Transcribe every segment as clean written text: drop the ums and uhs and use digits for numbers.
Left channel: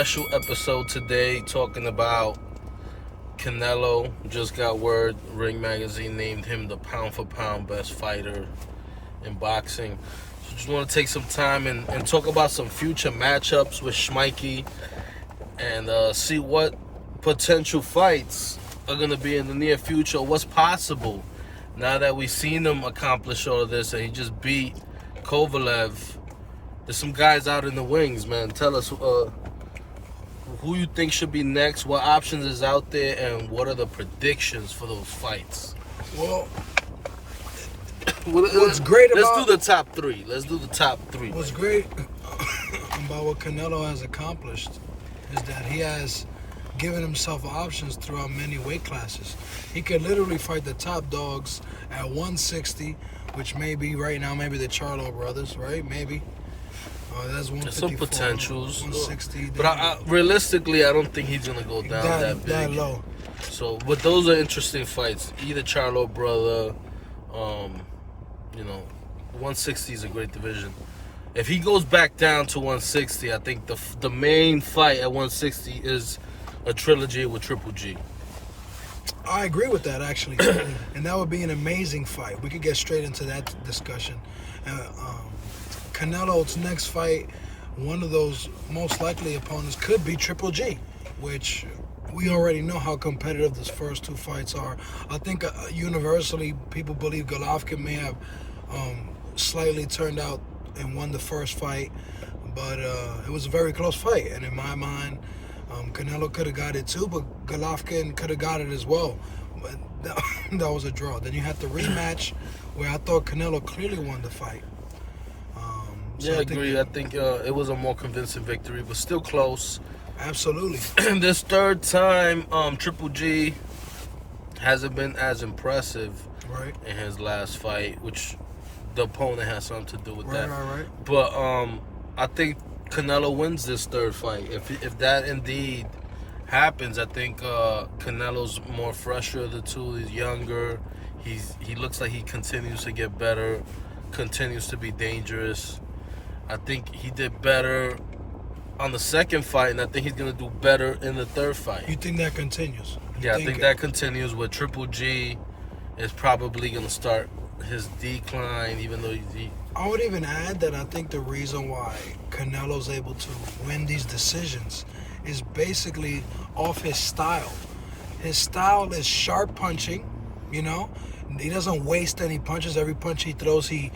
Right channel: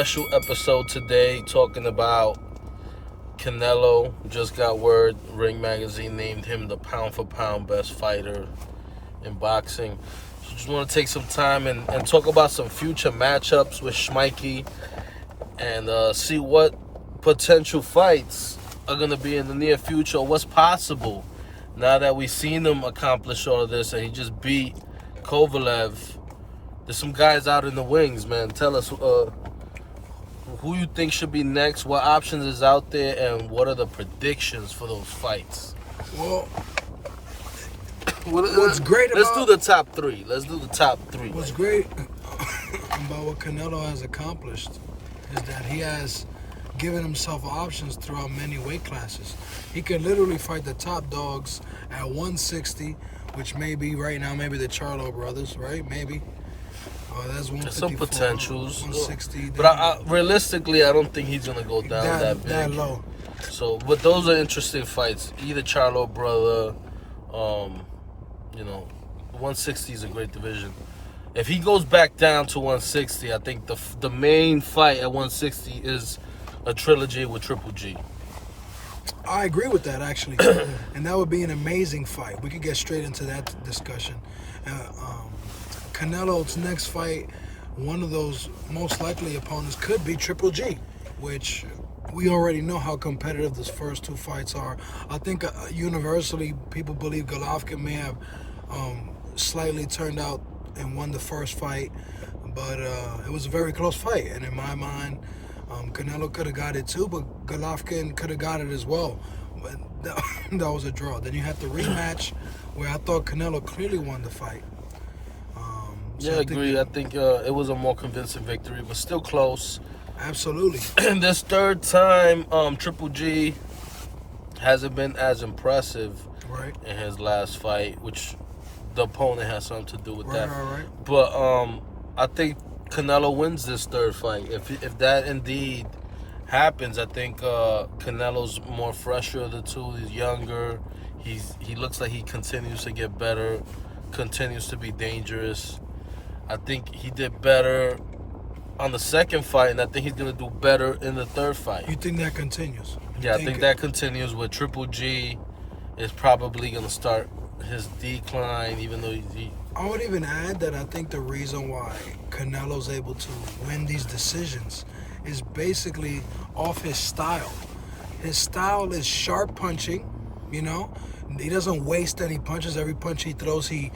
special episode today talking about Canelo. Just got word Ring Magazine named him the pound for pound best fighter in boxing. So just want to take some time and talk about some future matchups with Schmikey and see what potential fights are going to be in the near future, what's possible now that we've seen him accomplish all of this and he just beat Kovalev. There's some guys out in the wings, man. Tell us who you think should be next, what options is out there, and what are the predictions for those fights? Well, what's great about... Let's do the top three. What's great about what Canelo has accomplished is that he has given himself options throughout many weight classes. He could literally fight the top dogs at 160, which may be right now maybe the Charlo brothers, right? Maybe. That's 154. Some potentials. 160. But realistically, I don't think he's going to go down that big. That low. So, but those are interesting fights. Either Charlo brother, 160 is a great division. If he goes back down to 160, I think the main fight at 160 is a trilogy with Triple G. I agree with that, actually. And that would be an amazing fight. We could get straight into that discussion. Canelo's next fight, one of those most likely opponents could be Triple G, which we already know how competitive those first two fights are. I think universally people believe Golovkin may have slightly turned out and won the first fight, but it was a very close fight. And in my mind, Canelo could have got it too, but Golovkin could have got it as well. But that was a draw. Then you had the rematch where I thought Canelo clearly won the fight. I agree. I think it was a more convincing victory, but still close. Absolutely. And this third time, Triple G hasn't been as impressive in his last fight, which the opponent has something to do with that. Right. But I think Canelo wins this third fight. If that indeed happens, I think Canelo's more fresher of the two. He's younger. He looks like he continues to get better, continues to be dangerous. I think he did better on the second fight, and I think he's going to do better in the third fight. You think that continues? I think that continues with Triple G is probably going to start his decline, even though I would even add that I think the reason why Canelo's able to win these decisions is basically off his style. His style is sharp punching, He doesn't waste any punches. Every punch he throws, he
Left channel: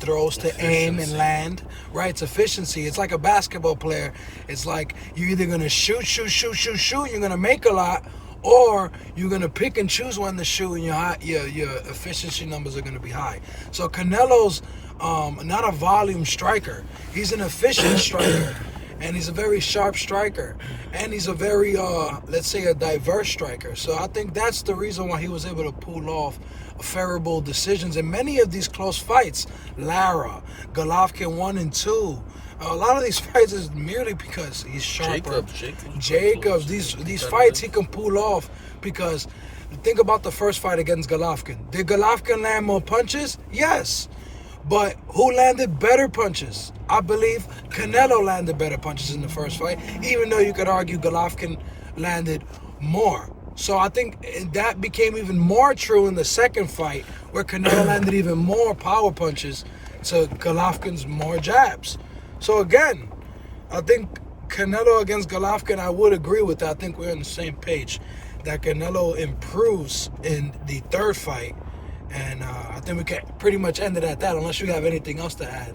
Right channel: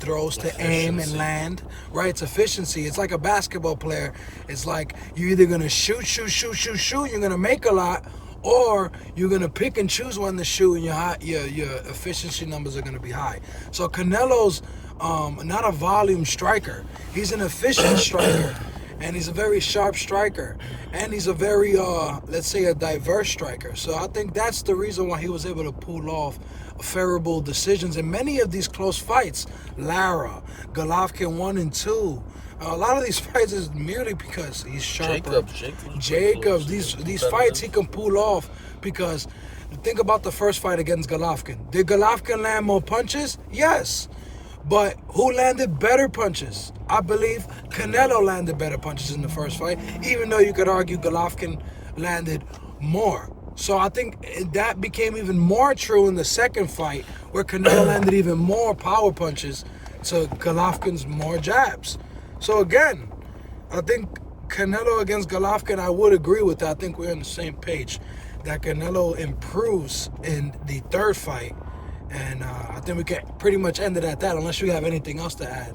throws to aim and land. Right? It's efficiency. It's like a basketball player. It's like you're either going to shoot, you're going to make a lot, or you're going to pick and choose when to shoot, and your efficiency numbers are going to be high. So Canelo's not a volume striker. He's an efficient striker, and he's a very sharp striker. And he's a very, let's say, a diverse striker. So I think that's the reason why he was able to pull off favorable decisions in many of these close fights. Lara, Golovkin 1 and 2. A lot of these fights is merely because he's sharper. Jacobs. These fights he can pull off because think about the first fight against Golovkin. Did Golovkin land more punches? Yes. But who landed better punches? I believe Canelo landed better punches in the first fight, even though you could argue Golovkin landed more. So I think that became even more true in the second fight, where Canelo landed even more power punches to Golovkin's more jabs. So again, I think Canelo against Golovkin, I would agree with that. I think we're on the same page, that Canelo improves in the third fight. And I think we can pretty much end it at that, unless you have anything else to add.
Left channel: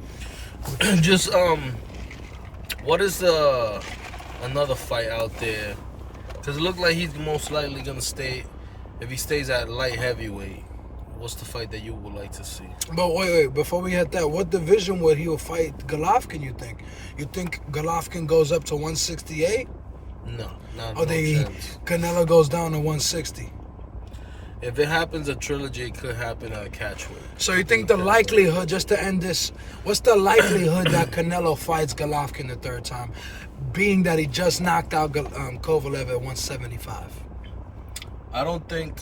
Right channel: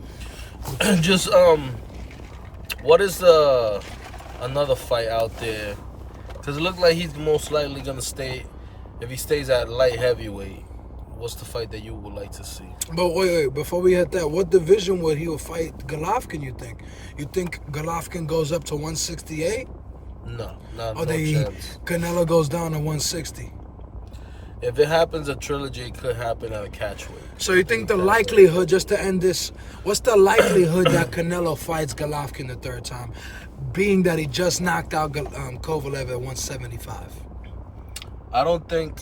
Just, what is another fight out there? Because it looked like he's most likely going to stay, if he stays at light heavyweight. What's the fight that you would like to see? But wait, before we hit that, what division would he fight Golovkin, you think? You think Golovkin goes up to 168? No chance. Canelo goes down to 160? If it happens, a trilogy, it could happen at a catchweight. So you think the likelihood, just to end this, what's the likelihood that Canelo fights Golovkin the third time, being that he just knocked out Kovalev at 175? I don't think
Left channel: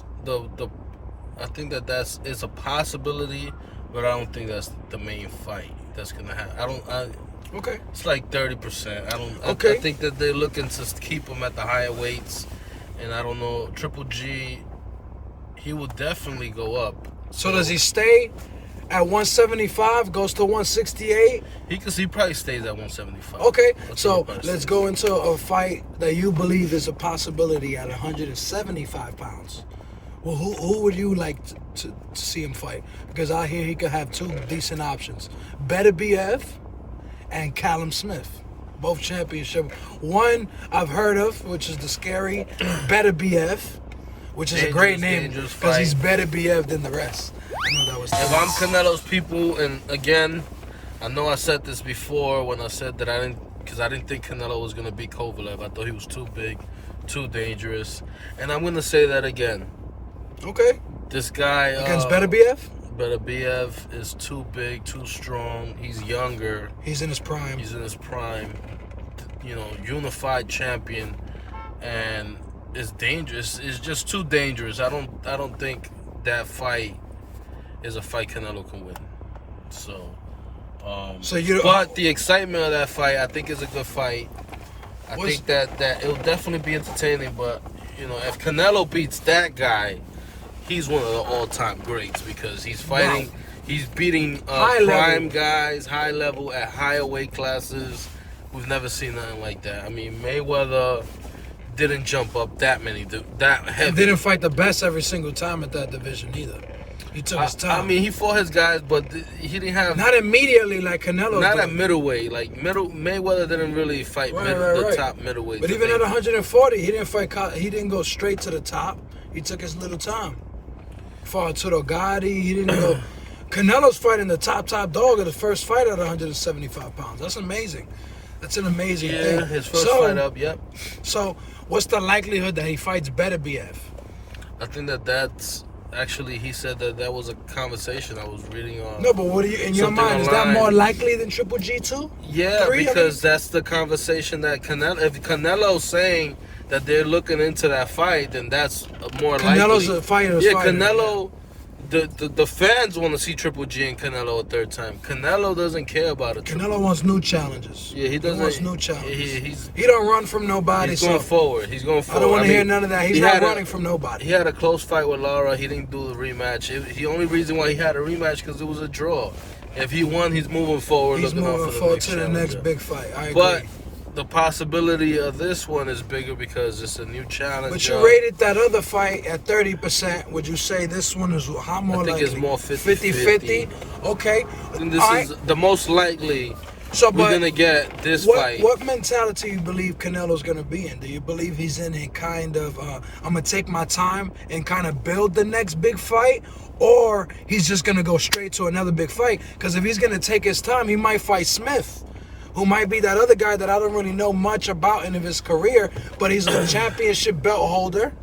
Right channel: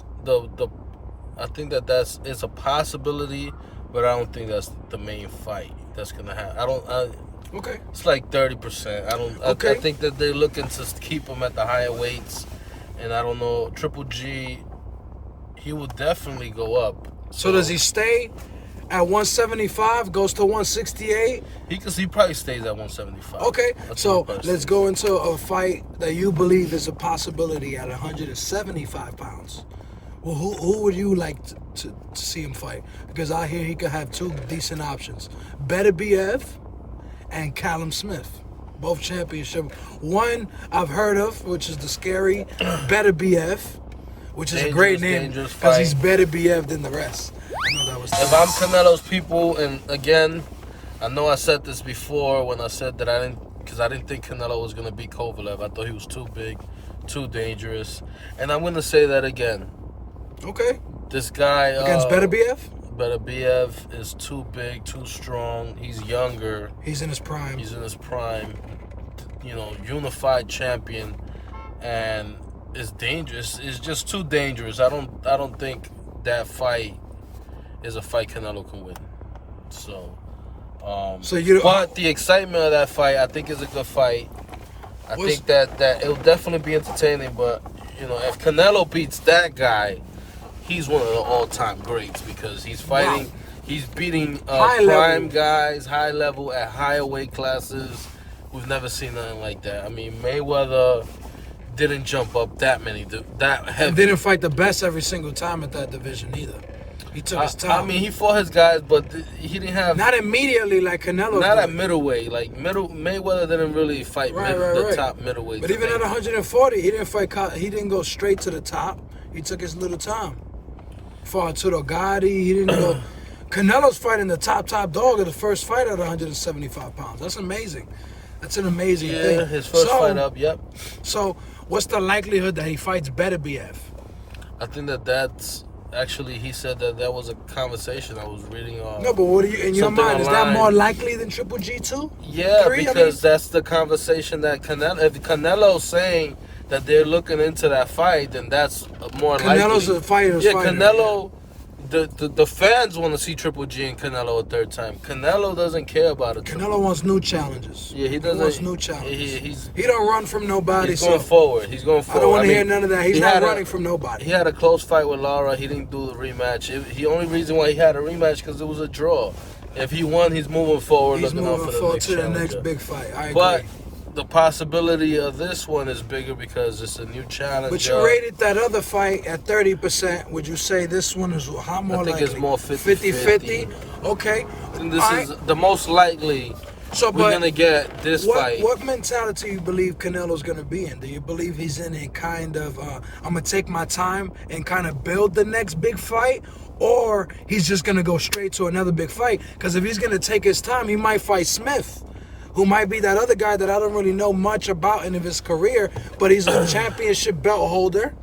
I think it's a possibility, but I don't think that's the main fight that's gonna happen. Okay. It's like 30%. I don't. Okay. I think that they're looking to keep him at the higher weights, and I don't know. Triple G, he will definitely go up. So does he stay at 175? Goes to 168? He probably stays at 175. Okay. That's So what I'm let's go into a fight that you believe is a possibility at 175 pounds. Well, who would you like to see him fight? Because I hear he could have two decent options: Beterbiev and Callum Smith, both championship. One I've heard of, which is the scary Beterbiev, which is a great name because he's Beterbiev than the rest. I know that was. If I'm Canelo's people, and again, I know I said this before when I said that I didn't think Canelo was gonna beat Kovalev. I thought he was too big, too dangerous, and I'm gonna say that again. Okay. This guy Against Beterbiev? Beterbiev is too big, too strong. He's younger. He's in his prime. He's in his prime. You know, unified champion, and it's dangerous. It's just too dangerous. I don't think that fight is a fight Canelo can win. So, but the excitement of that fight, I think, is a good fight. I think that it'll definitely be entertaining. But you know, if Canelo beats that guy, he's one of the all-time greats because he's fighting, he's beating prime guys, high level at higher weight classes. We've never seen nothing like that. I mean, Mayweather didn't jump up that heavy. And didn't fight the best every single time at that division either. He took his time. I mean, he fought his guys, but he didn't have... Not immediately like Canelo. Not at middleweight. Like, Mayweather didn't really fight the top middleweight. But even at 140, he didn't fight. He didn't go straight to the top. He took his little time. Fought Arturo Gotti. He didn't go... Canelo's fighting the top dog of the first fight at 175 pounds. That's amazing. That's an amazing thing. Yeah, his first fight up, yep. So, what's the likelihood that he fights Beterbiev? I think that's... Actually, he said that was a conversation I was reading on. No, but what do you, in your mind, is that more likely than Triple G too? Yeah, because that's the conversation that Canelo. If Canelo's saying that they're looking into that fight, then that's more likely. Canelo's a fighter. Yeah, Canelo. The fans want to see Triple G and Canelo a third time. Canelo doesn't care about it. Canelo wants new challenges. Yeah, he doesn't. He wants new challenges. He don't run from nobody. He's going forward. He's going forward. I don't want to hear none of that. He's not running from nobody. He had a close fight with Lara. He didn't do the rematch. The only reason why he had a rematch because it was a draw. If he won, he's moving forward. He's moving forward to the next big fight. I agree. But the possibility of this one is bigger because it's a new challenge. But you rated that other fight at 30%. Would you say this one is how more likely? I think it's more 50-50. Okay. I think this is the most likely we're going to get this fight. What mentality you believe Canelo's going to be in? Do you believe he's in a kind of, I'm going to take my time and kind of build the next big fight? Or he's just going to go straight to another big fight? Because if he's going to take his time, he might fight Smith, who might be that other guy that I don't really know much about in his career, but he's a championship belt holder.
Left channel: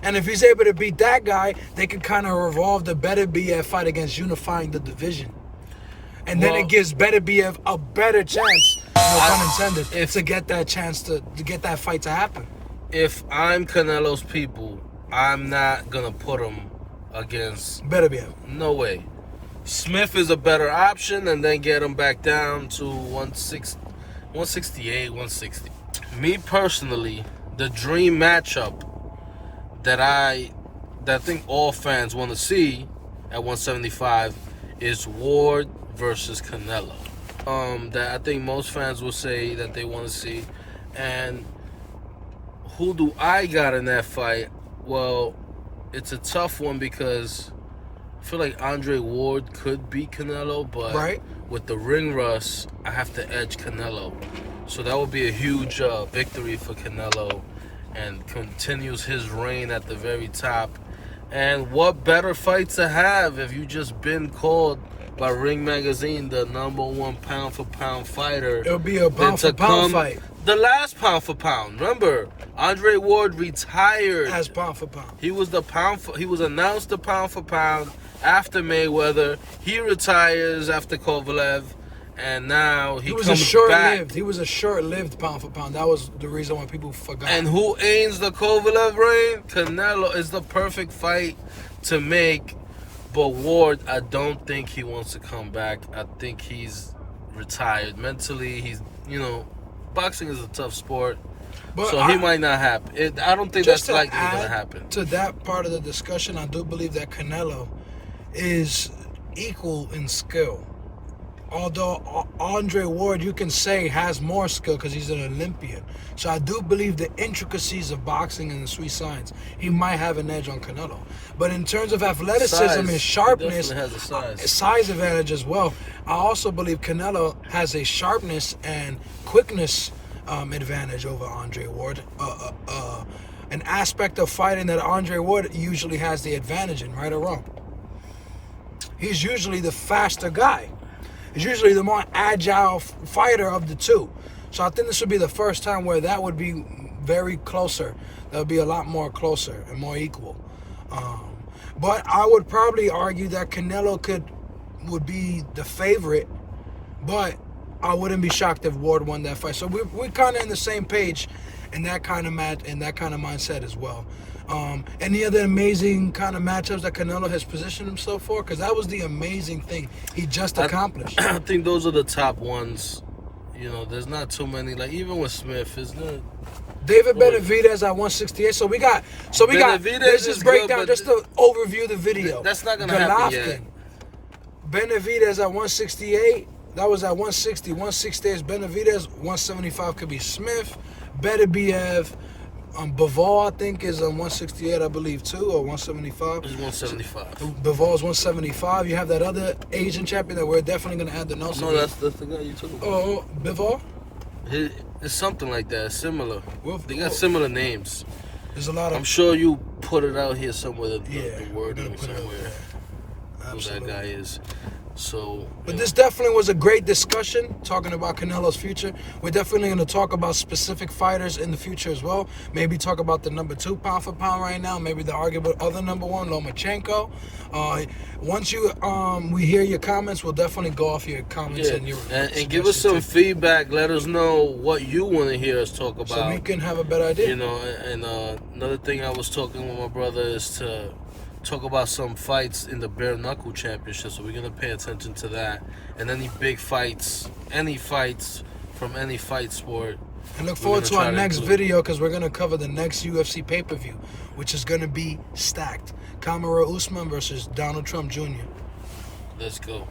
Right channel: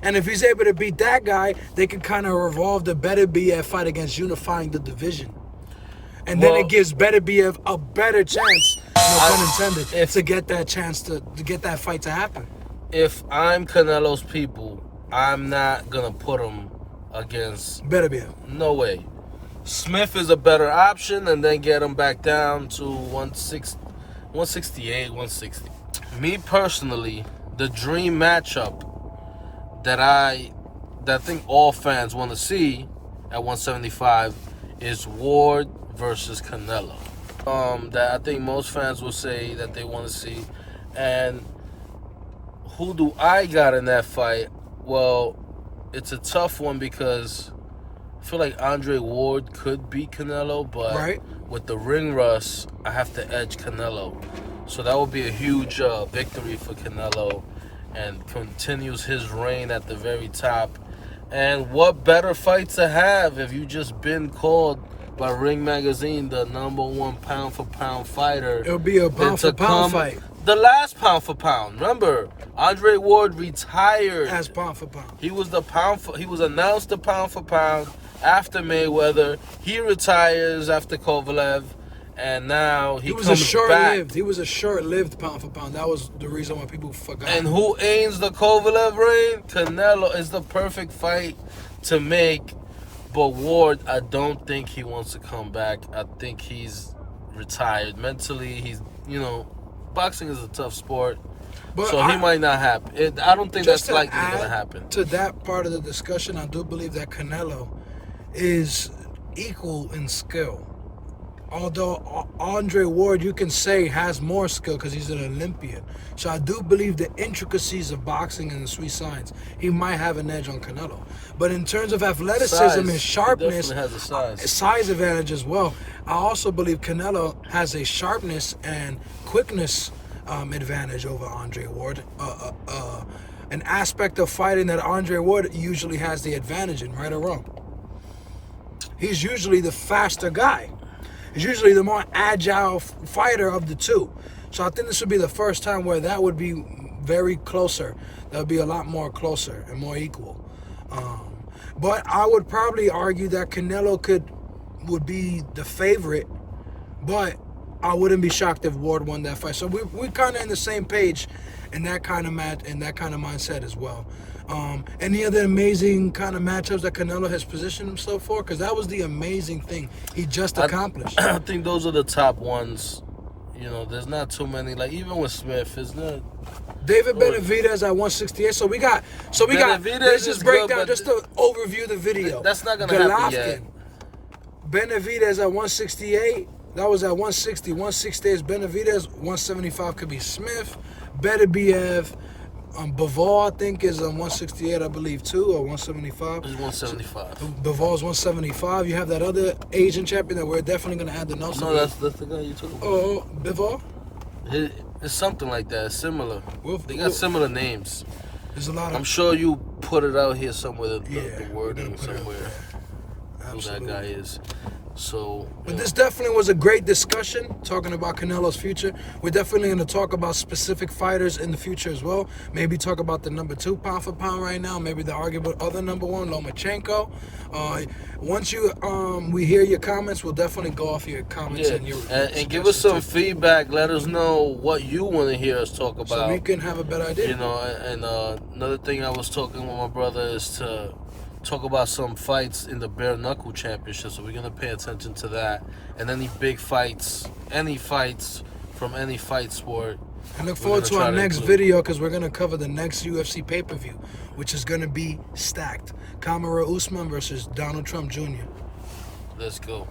And if he's able to beat that guy, they can kind of revolve the Beterbiev fight against unifying the division. And then it gives Beterbiev a better chance, no pun intended, to get that chance to get that fight to happen. If I'm Canelo's people, I'm not going to put him against Beterbiev. No way. Smith is a better option, and then get him back down to 168, 160. Me personally, the dream matchup that I think all fans want to see at 175 is Ward versus Canelo. That I think most fans will say that they want to see. And who do I got in that fight? Well, it's a tough one because I feel like Andre Ward could beat Canelo, but with the ring rust, I have to edge Canelo. So that would be a huge victory for Canelo and continues his reign at the very top. And what better fight to have if you just been called by Ring Magazine the #1 pound-for-pound fighher? It'll be a pound-for-pound fight. The last pound-for-pound. Remember, Andre Ward retired as pound-for-pound. He was he was announced the pound-for-pound after Mayweather. He retires after Kovalev, and now he comes back. He was a short-lived pound-for-pound. That was the reason why people forgot. And who ends the Kovalev reign? Canelo is the perfect fight to make. But Ward, I don't think he wants to come back. I think he's retired. Mentally, he's, boxing is a tough sport. But So he might not happen. I don't think that's likely going to happen. To that part of the discussion, I do believe that Canelo is equal in skill. Although Andre Ward, you can say, has more skill because he's an Olympian. So I do believe the intricacies of boxing and the sweet science, he might have an edge on Canelo. But in terms of athleticism and sharpness, he definitely has a size advantage as well. I also believe Canelo has a sharpness and quickness advantage over Andre Ward. An aspect of fighting that Andre Ward usually has the advantage in, right or wrong. He's usually the faster guy. He's usually the more agile fighter of the two. So I think this would be the first time where that would be very closer. That would be a lot more closer and more equal. But I would probably argue that Canelo would be the favorite, but I wouldn't be shocked if Ward won that fight. So we're kind of in the same page in that kind of mindset as well. Any other amazing kind of matchups that Canelo has positioned himself for? Because that was the amazing thing he just accomplished. I think those are the top ones. There's not too many. Like, even with Smith, isn't it? David Benavidez at 168. So we got. Let's just break down just to overview the video. That's not gonna happen yet. Benavidez at 168. That was at 160. 160 is Benavidez. 175 could be Smith. Beterbiev. Bivol, I think, is 168, I believe, too, or 175. It's 175. Bivol's 175. You have that other Asian champion that we're definitely going to add the notes. No, that's the guy you talking about. Oh, Bivol? It's something like that, similar. They got similar names. There's a lot of... I'm sure you put it out here somewhere, the wording somewhere. Who that guy is. So, but this definitely was a great discussion, talking about Canelo's future. We're definitely going to talk about specific fighters in the future as well. Maybe talk about the number 2 pound for pound right now. Maybe the arguable other number 1, Lomachenko. Once we hear your comments, we'll definitely go off your comments and give us some feedback. Let us know what you want to hear us talk about, so we can have a better idea. And another thing I was talking with my brother is to talk about some fights in the bare knuckle championship, so we're gonna pay attention to that, and any big fights, any fights from any fight sport. And look forward to our next video, because we're gonna cover the next UFC pay-per-view, which is gonna be stacked. Kamaru Usman versus Donald Trump Jr. Let's go.